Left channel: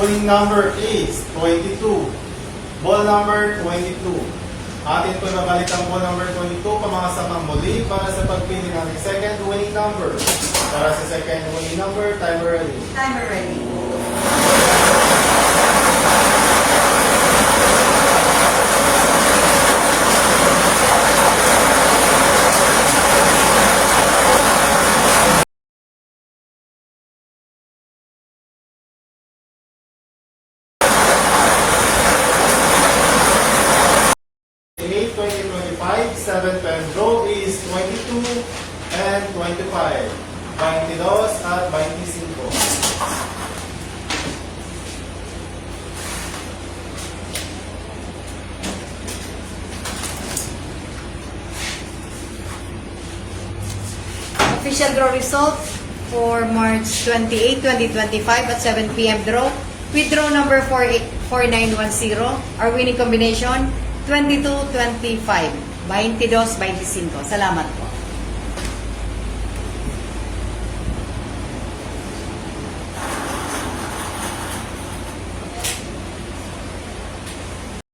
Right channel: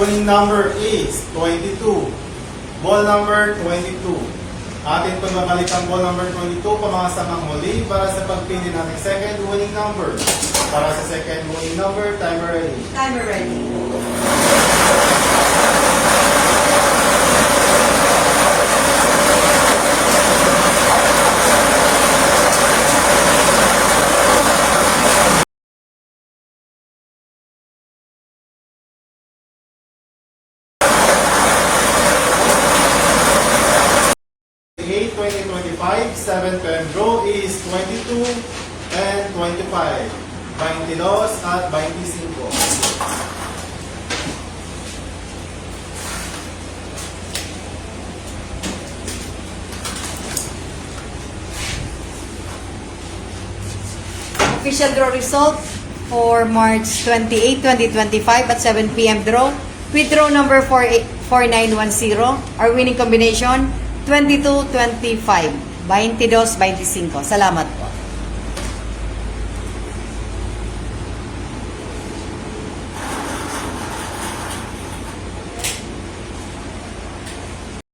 winning number is 22. Ball number 22. Atin ko nabalik ang ball number 22 pamakasan ng muli para sa pagpili ng second winning number. Para sa second winning number, timer ready. Timer ready. The 2025 7th pen draw is 22 and 25. 22 at 25. Official draw result for March 28, 2025 at 7 p.m. draw. With draw number 4910, our winning combination 22-25, 22-25. Salamat po.